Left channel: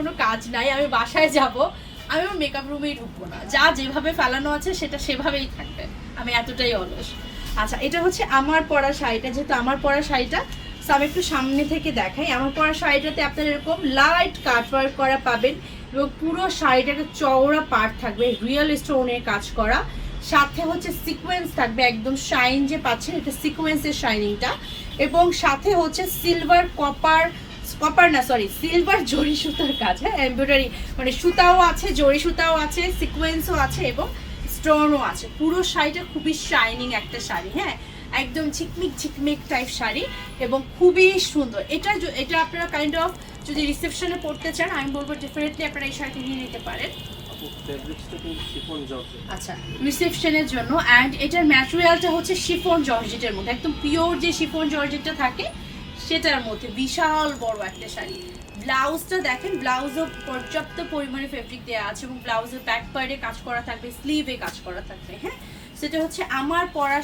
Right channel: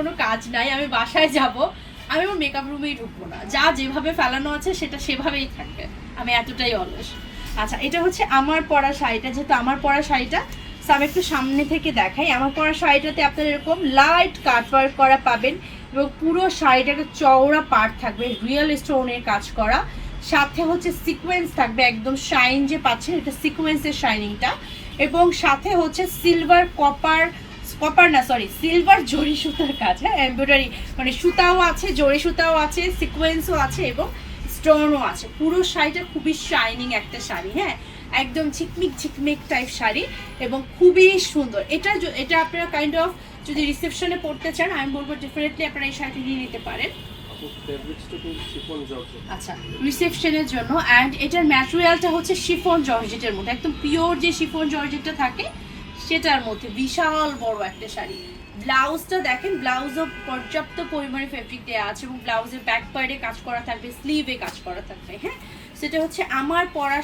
কোনো কাজ নাই, আমি বাসায় যাব, আমি আমার মেকআপ রুমেই ঢুকবো না, যা যেভাবে ফেলানো আছে সেটা সেভাবেই থাকবে, আমি এতটাই অলস। আচ্ছা, এটা হচ্ছে আমার পরা শাড়িটা, যেহেতু আমার পরা শাড়িটা আমি একটু সামনে থেকে দেখাই। আমার পরা শাড়িটাতে আপনারা এরকম লাইট কাটওয়ার্ক করা পাবেন এবং পুরো শাড়িটাতে চওড়া পাড় থাকবে, রিয়েল স্টোনের কাজ করা, সাথে হচ্ছে সিকোয়েন্স থাকবে, একদম শাইন যে পাচ্ছেন এটা সিকোয়েন্সের শাইনিংটা, এবং সাথে হচ্ছে সিলভার সিলভার জরি সুতার কাজ, হ্যাঁ এমব্রয়ডারি, মানে সুতাও আছে, জরি সুতাও আছে, সিকোয়েন্সও আছে এবং স্টোনও আছে। পুরো শাড়িটা খুবই শাইনিং একটা শাড়ি, হ্যাঁ একদম ঝিকমিক ঝিকমিক টাইপ শাড়ি এবং খুবই সুন্দর। এটা আপনারা কাইন্ড অফ যদি রিসেপশনে পড়তে চান আমি বলবো ডেফিনেটলি আপনারা এই শাড়িটা নিয়ে নিতে পারেন। আচ্ছা, রিসেপশনের জন্য। অ্যান্ড এটার ম্যাটেরিয়ালটা হচ্ছে শিফন জর্জেটের মধ্যে, একদম পিওর যে শিফন জর্জেটটা থাকে সেটার মধ্যে, বিশাল বড় একটা শাড়ি। ব্লাউজটা দেখেন, ব্লাউজও পর্যাপ্ত পরিমাণে ফেব্রিক দেওয়া আছে এবং ব্লাউজের ব্যাক পার্টে কাজ করা থাকবে, স্লিভে কাজ করা থাকবে, হ্যাঁ সেটা হচ্ছে আমার পরা